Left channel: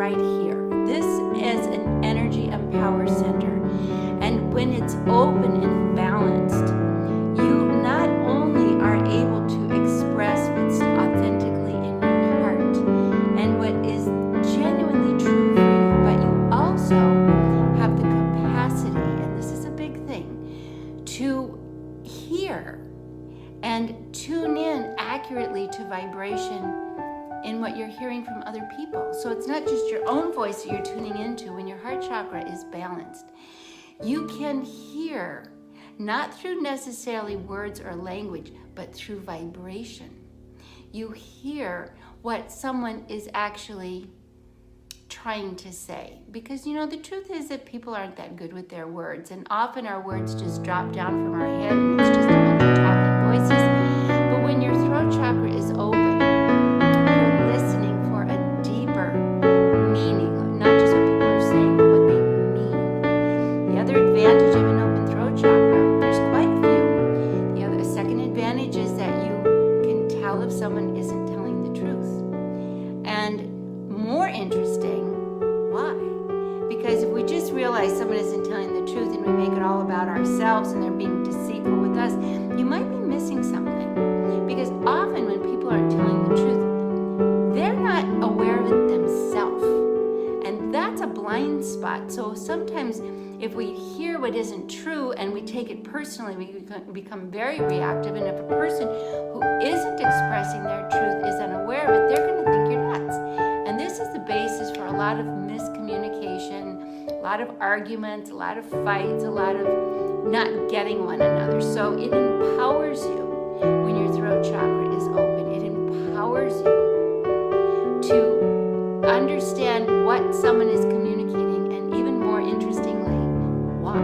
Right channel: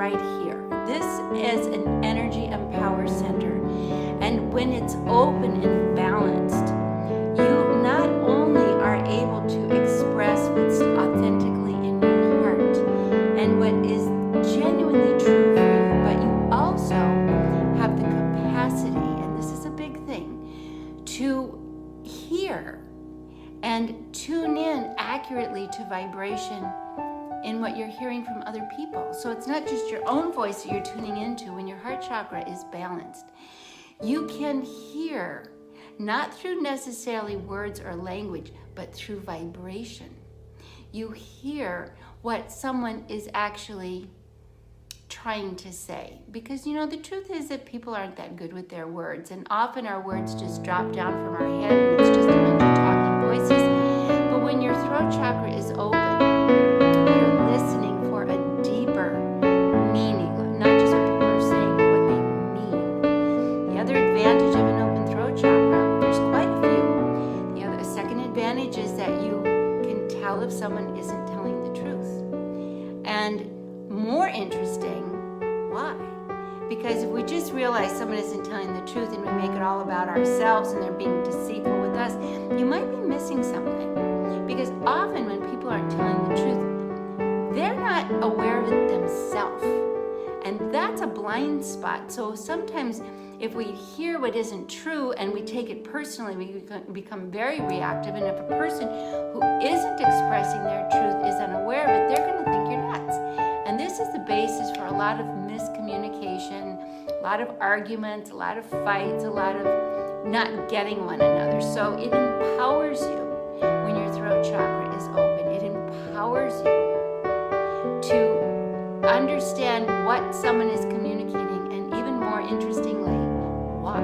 right here. This is an energy and power center. And when it's open and balanced, you not only are able to express what's authentically in your heart and what is genuinely true for you, but you also have the capacity, and this is a big thing, to hear and tune in accurately to vibration in what you're hearing from other people. So it's not just your own voice that you're tuning into. When your heart chakra is balanced, you can hear, not through necessarily words or language, but through vibration. You hear what someone is actually trying to say. Because, you know, the truth is that people aren't that good with their words, and often our words just drop down from our head and it's just a bunch of talking voices. But when your throat chakra is open, you're listening for a deeper meaning, not just what people are saying, but what they mean. The other advantage of an open throat chakra, there's quite a few. The second advantage is that you can tell if someone isn't telling the truth. And more interesting, why? Because if we just realize someone isn't telling the truth and we make it all about ourselves and they're being deceitful with us, you might be missing something. Because often when people aren't telling the truth, they're not aware of it themselves. And that's a blind spot. So sometimes if we hear what isn't true and we take it personally, we become very reactive. And if a person who isn't expressing their truth is unaware of it, they're going to think you're nuts. And this is the basis for a lot of miscommunication, a lot of arguments, a lot of fights, a lot of not getting one another. So it empowers you when your throat chakra is open. It empowers you to understand what someone is communicating, and even more interestingly, why.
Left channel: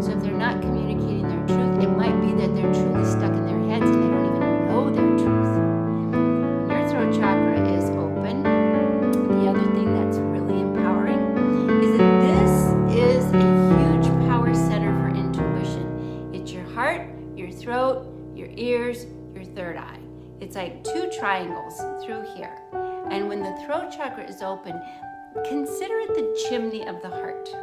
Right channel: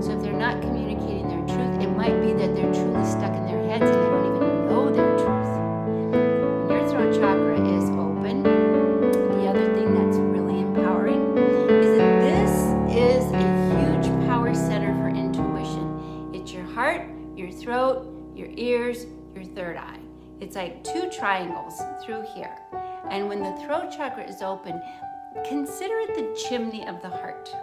So if they're not communicating their truth, it might be that they're truly stuck in their heads and they don't even know their truth. When your throat chakra is open, the other thing that's really empowering is that this is a huge power center for intuition. It's your heart, your throat, your ears, your third eye. It's like two triangles through here. And when the throat chakra is open, consider it the chimney of the heart.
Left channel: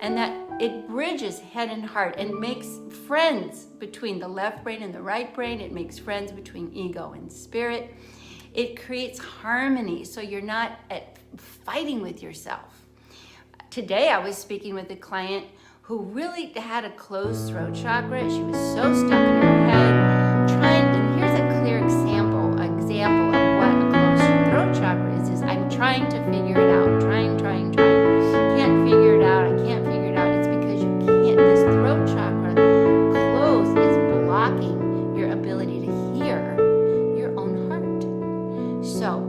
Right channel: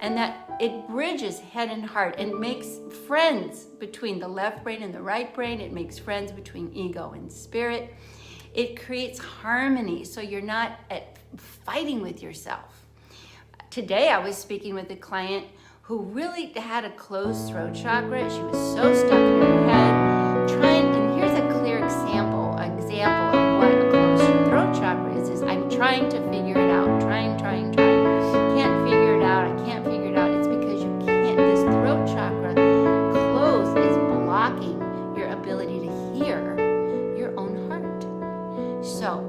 And that it bridges head and heart and makes friends between the left brain and the right brain. It makes friends between ego and spirit. It creates harmony, so you're not fighting with yourself. Today I was speaking with a client who really had a closed throat chakra. She was so stuck in her head, and here's a clear example of what a closed throat chakra is I'm trying to figure it out, trying. Can't figure it out, I can't figure it out. It's because you can't, this throat chakra closed is blocking your ability to hear your own heart. So,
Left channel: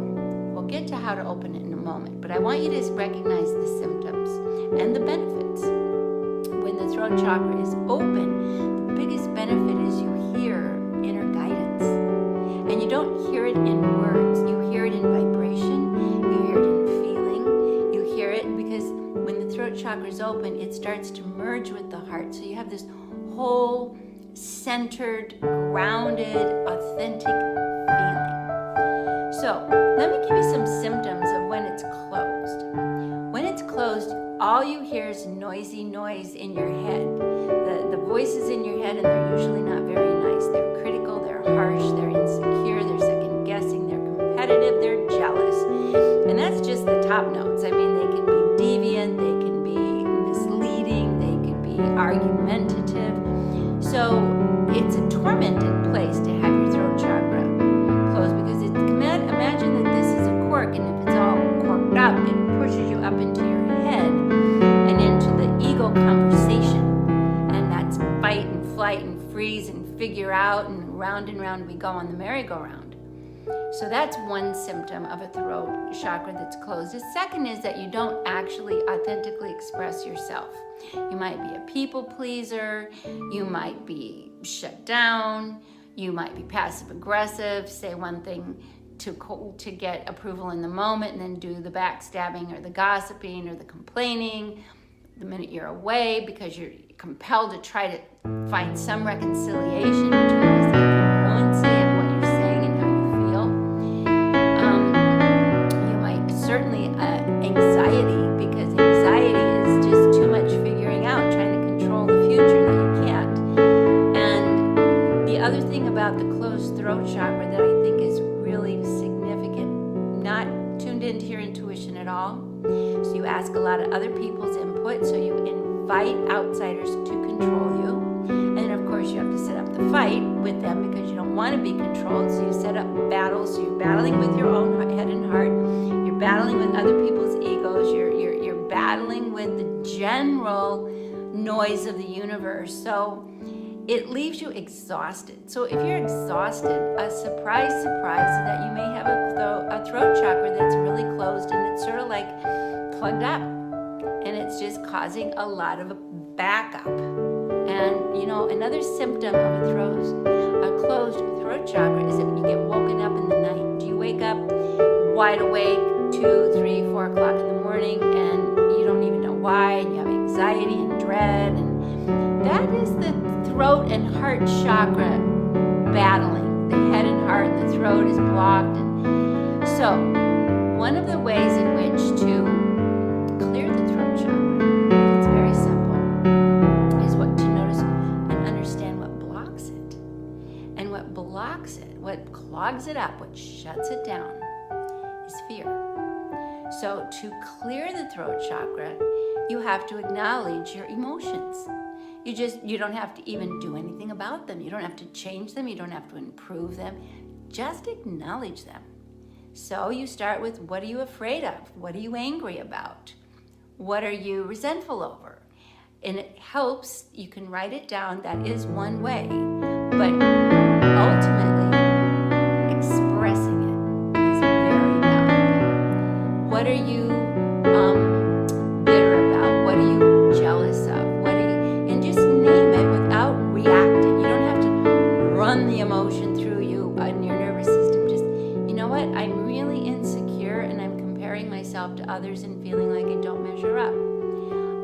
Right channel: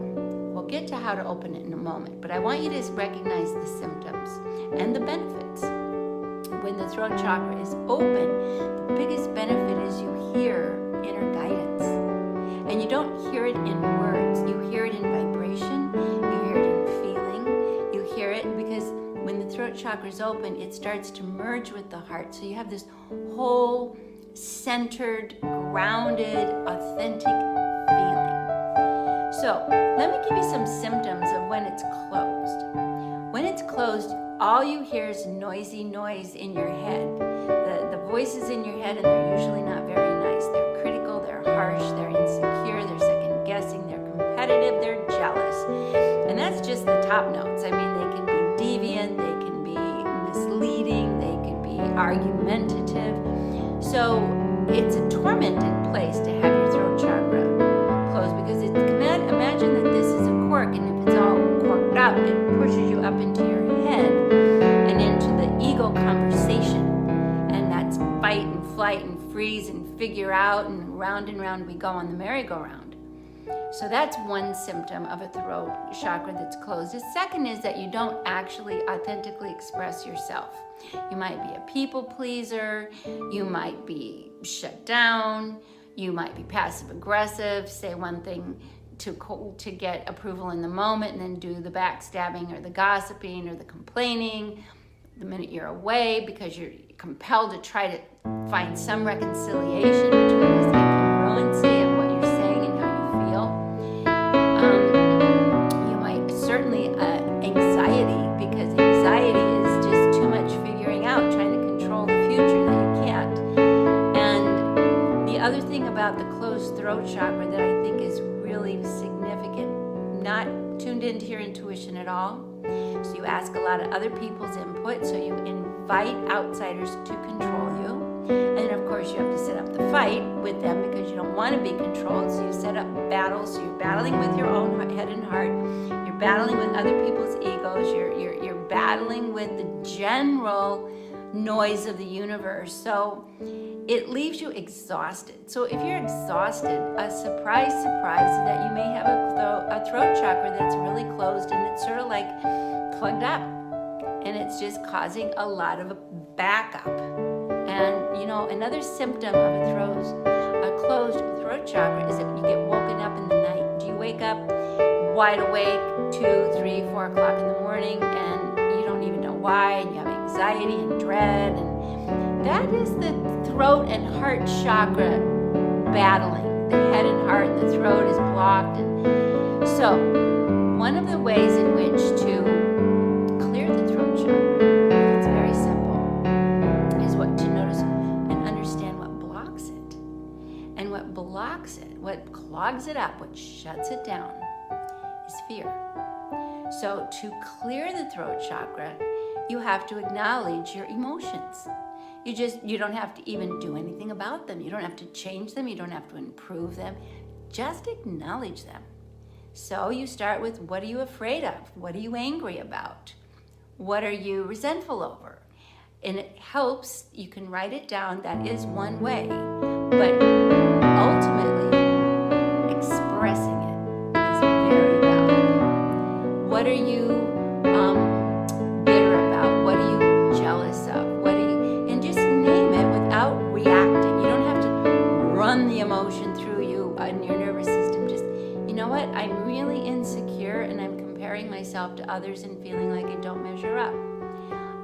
we'll get to how to open it in a moment, but I want you to recognize the symptoms and the benefits. When the throat chakra is open, the biggest benefit is you hear inner guidance. And you don't hear it in words, you hear it in vibration, you hear it in feeling, you hear it because when the throat chakra is open, it starts to merge with the heart. So you have this whole centered, grounded, authentic feeling. So let me give you some symptoms of when it's closed. When it's closed, all you hear is noisy noise in your head. The voices in your head, and they're usually not very nice. They're critical, they're harsh, they're insecure, they're second guessing, they're competitive, they're jealous. And that's just the top notes. I mean, they can be deviant, they can be misleading, they can be argumentative. So it's a tormented place to have your throat chakra closed, because imagine that this is a cork, and if it's all corked up, it pushes you up into your head and into the ego conversation. And that's fight and flight and freeze and figure out, and round we go on the merry-go-round. So that's one symptom of a throat chakra that's closed. The second is that you don't actually authentically express yourself. You might be a people pleaser, you might be shut down, you might be passive aggressive, say one thing to get approval in the moment and then do the backstabbing or the gossiping or the complaining the minute you're away, because you're compelled to try to find some reconciliation between this incongruency of what you're saying and how you feel. You might certainly anxiety about the closed throat chakra that I think is really significant, not tuned into your intuition at all. So you ask a lot of other people's input, so you invite outsiders to control you. And then of course you have to set up the fight with them because you don't want to be controlled, so you set up battles. So you're battling with your own head and heart, you're battling with other people's egos, you're battling with the general noise of the universe. So it leaves you exhausted. So if you're exhausted, a surprise that you may have a throat chakra that's really closed and it's sort of like plugged up, and it's just causing a lot of backup. And you know, another symptom of a closed throat chakra is that you get woken up in the night. Do you wake up wide awake 2, 3, 4 o'clock in the morning and you don't even know why, and you have anxiety and dread, and that is the throat and heart chakra battling. The head and heart and the throat is blocked. And so one of the ways in which to clear the throat chakra, it's very simple, is to notice and understand what blocks it. And what blocks it, what clogs it up, what shuts it down, is fear. So to clear the throat chakra, you have to acknowledge your emotions. You don't have to even do anything about them. You don't have to change them. You don't have to improve them. Just acknowledge them. So you start with, what are you afraid of? What are you angry about? What are you resentful over? And it helps, you can write it down. That is one way. But ultimately, expressing it is very valuable. What are you bitter about? What are you jealous of? And just name it without reacting. You don't have to run the emotion through you in your nervous system. Just, you know what? I'm really insecure and I'm comparing myself to others and feeling like I don't measure up.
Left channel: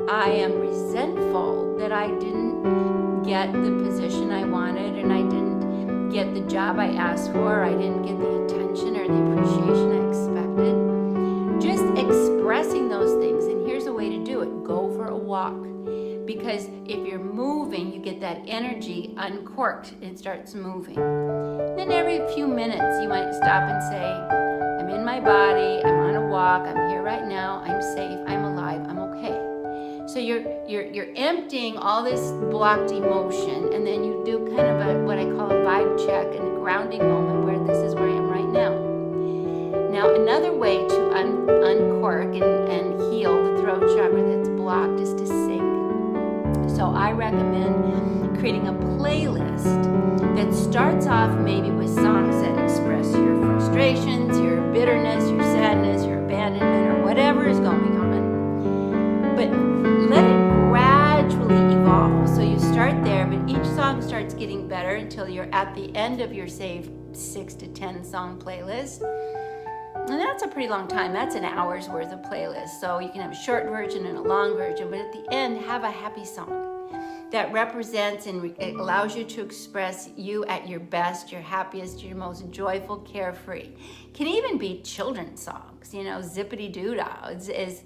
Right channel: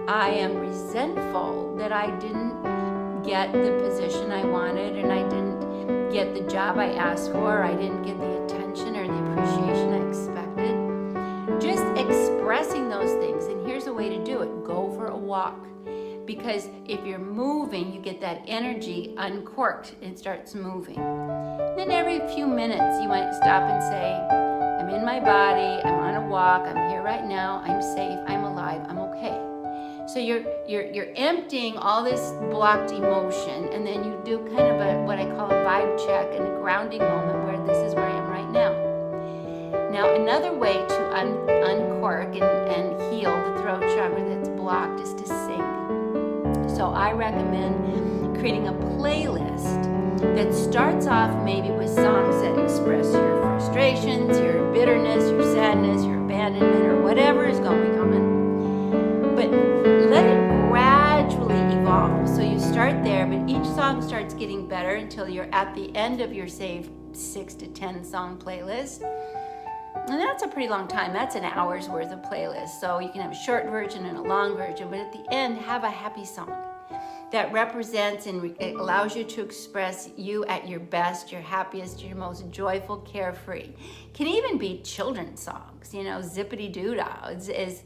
I am resentful that I didn't get the position I wanted, and I didn't get the job I asked for, I didn't get the attention or the appreciation I expected. Just expressing those things. And here's a way to do it. Go for a walk. Because if you're moving, you get that energy uncorked. It starts moving. Then every few minutes, you might stop and say, I'm in my body, I'm on a walk, I'm here right now, I'm safe, I'm alive, I'm okay. So you're emptying all this blocked emotion, and then you do kind of what I call a vibe check and a grounding moment where this is where I am right now. Now, another way to uncork and heal the throat chakra that's blocked is to sing. So I recommend creating a playlist that starts off maybe with songs that express your frustrations, your bitterness, your sadness, your abandonment, or whatever is going on. But let it gradually evolve. So you start there, but each song starts getting better until you're at the end of your, say, 6 to 10 song playlist. And that's a pretty long time. That's an hour's worth of playlist. So you can have a short version and a long version, but at the end, have a happy song that represents and allows you to express you at your best, your happiest, your most joyful, carefree. Can even be children's songs, you know, zippity-doo-dah, is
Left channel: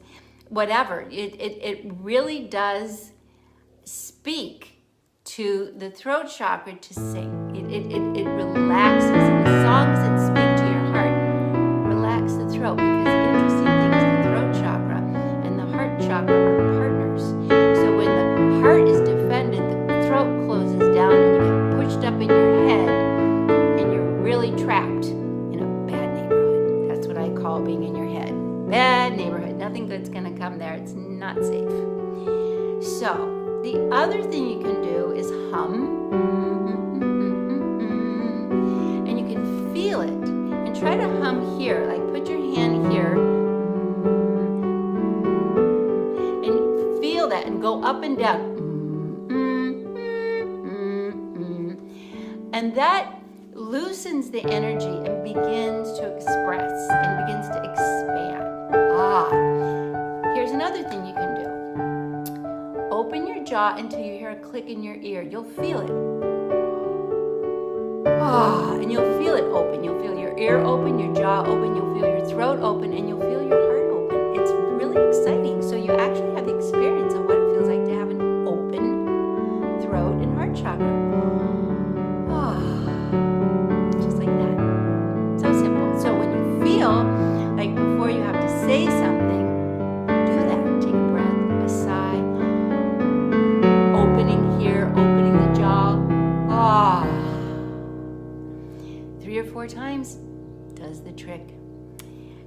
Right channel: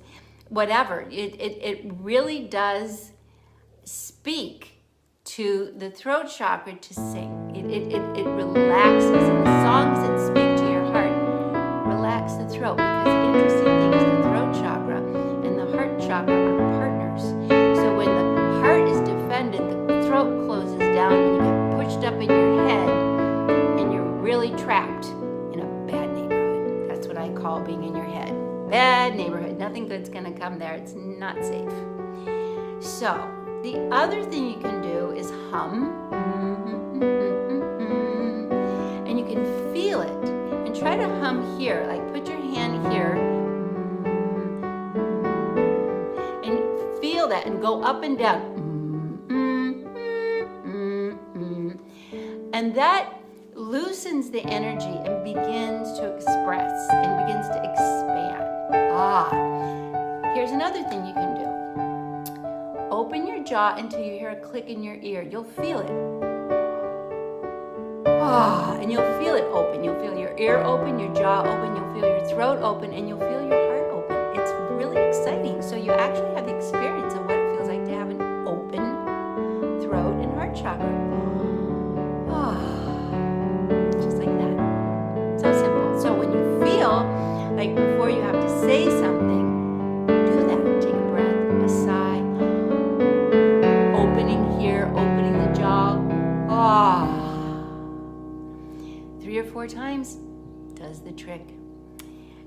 whatever. It really does speak to the throat chakra to sing. It relaxes, and the songs that speak to your heart relax the throat, because the interesting thing is the throat chakra and the heart chakra are partners. So when the heart is defended, the throat closes down and you get pushed up in your head and you're really trapped in a bad neighborhood. That's what I call being in your head. Bad neighborhood. Nothing good's gonna come there. It's not safe. So the other thing you can do is hum. And you can feel it. And try to hum here, like put your hand here and feel that and go up and down. And that loosens the energy and begins to express and begins to expand. Here's another thing you can do. Open your jaw until you hear a click in your ear. You'll feel it. And you'll feel it open. You'll feel your ear open, your jaw open, you'll feel your throat open, and you'll feel your heart open. It's really exciting. So you actually have the experience of what it feels like to have an open throat and heart chakra. right before you have to say something, do that. Take a breath, a sigh, opening here, opening the jaw. 3 or 4 times does the trick.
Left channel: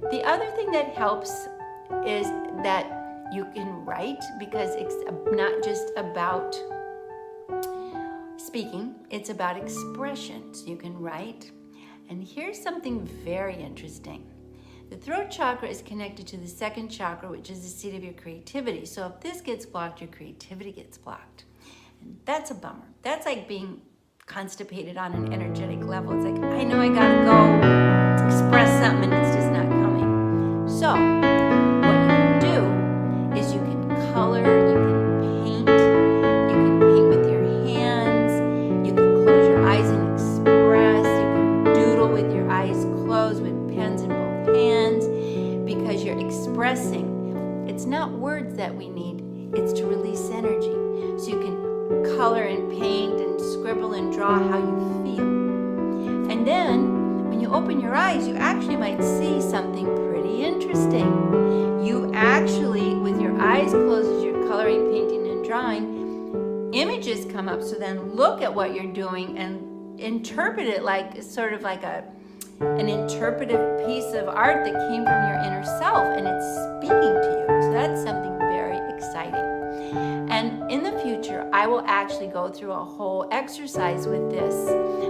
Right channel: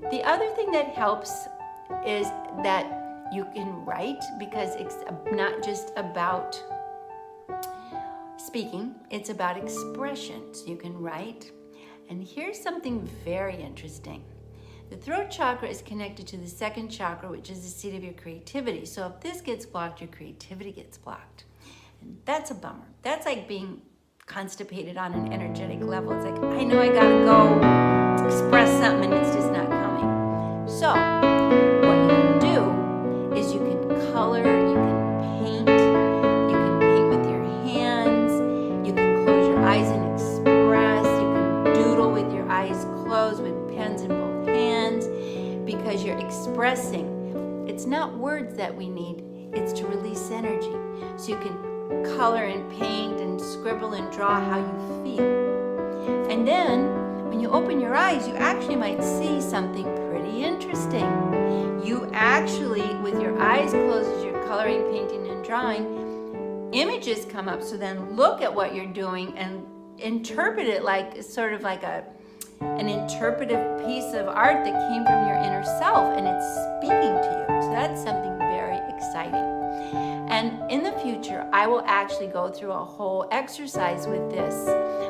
The other thing that helps is that you can write, because it's not just about speaking, it's about expression. So you can write. And here's something very interesting. The throat chakra is connected to the second chakra, which is the seat of your creativity. So if this gets blocked, your creativity gets blocked. And that's a bummer. That's like being constipated on an energetic level. It's like, I know I gotta go express something and it's just not coming. So what you can do is you can color, you can paint with your hands, you can close your eyes and express, you can doodle with your eyes closed with pens in both hands, because you're expressing. It's not words that we need, it's to release energy. So you can color and paint and scribble and draw how you feel. And then when you open your eyes, you actually might see something pretty interesting. You actually, with your eyes closed as you're coloring, painting, and drawing, images come up. So then look at what you're doing and interpret it like sort of like an interpretive piece of art that came from your inner self, and it's speaking to you. So that's something very exciting. And in the future, I will actually go through a whole exercise with this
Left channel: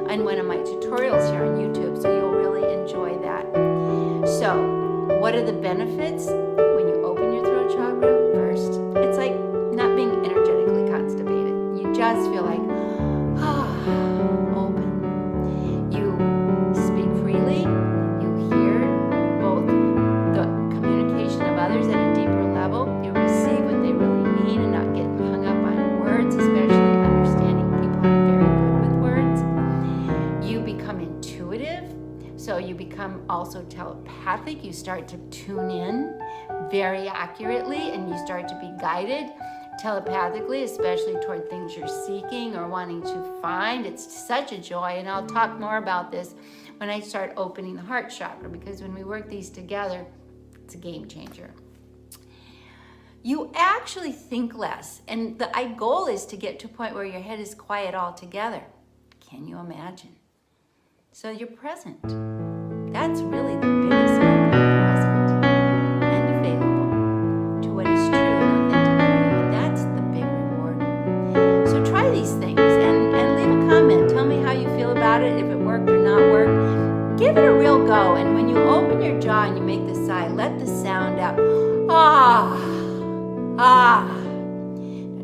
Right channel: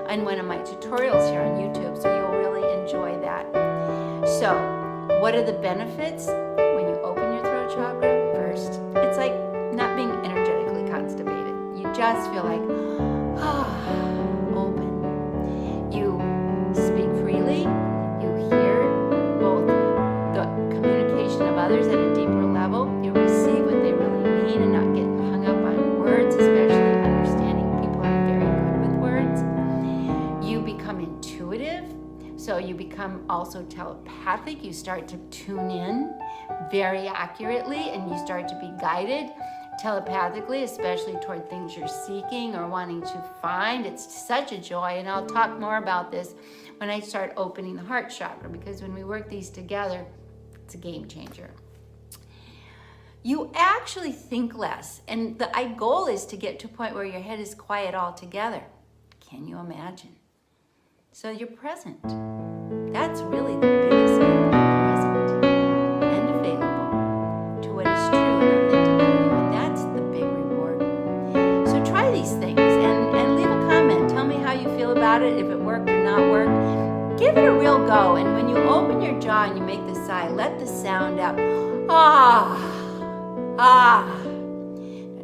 in one of my tutorials here on YouTube, so you'll really enjoy that. So, what are the benefits when you open your throat chakra? First, it's like not being energetically constipated. You just feel like, open. You speak freely. You hear both the communication of others at a deeper level. You receive what they really mean and not get hung up on words, especially understanding people aren't very good with words. You become intuitive, so you become also telepathic. You start to tune in very accurately, and you start to be guided telepathically, especially toward things you're seeking or wanting to find. It's such a joy, and I'll talk more about this when I start opening the heart chakra, because when we work these together, it's a game changer. You actually think less, and the goal is to get to a point where your head is quiet altogether. Can you imagine? So you're present. That's really the biggest thing. You're present and available to what is true and authentic for you, and that's the big reward. So try these things and leave a comment. Tell me how you feel about it, if it worked or not worked. Give it a real go, and when you open your jaw and you make the sigh, let the sound out. Now,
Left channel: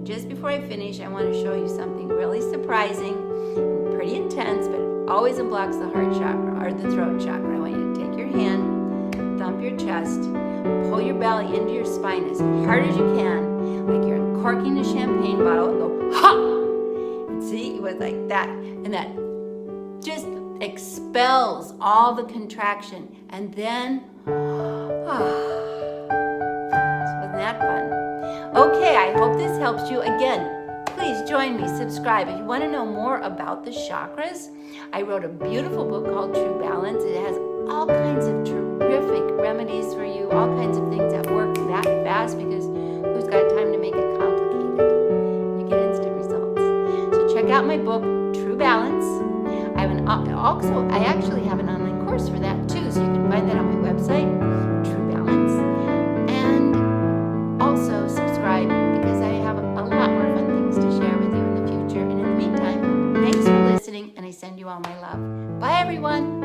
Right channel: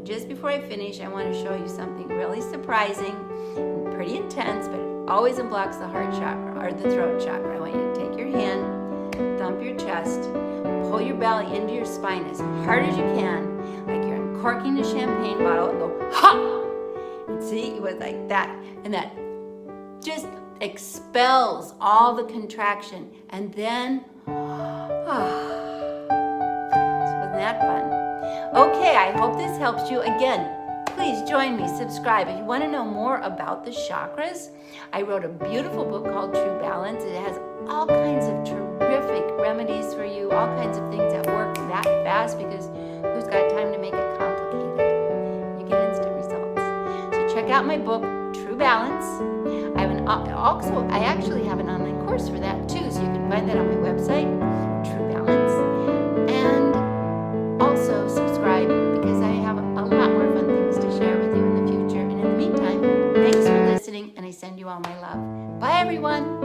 just before I finish, I want to show you something really surprising and pretty intense, but it always unblocks the heart chakra or the throat chakra. I want you to take your hand, thump your chest, pull your belly into your spine as hard as you can, like you're uncorking a champagne bottle, and go, ha! And see, it was like that. And that just expels all the contraction. And then, wasn't that fun? Okay, I hope this helps you. Again, please join me, subscribe. If you want to know more about the chakras, I wrote a beautiful book called True Balance. It has all kinds of terrific remedies for you, all kinds of things that work that fast, because who's got time to make it complicated? You get instant results. So check out my book, True Balance. I actually have an online course for that too, so you can find that on my website, True Balance. And also subscribe, because I have a lot more fun things to share with you in the future. And in the meantime, thanks for listening, and I send you all my love. Bye, everyone.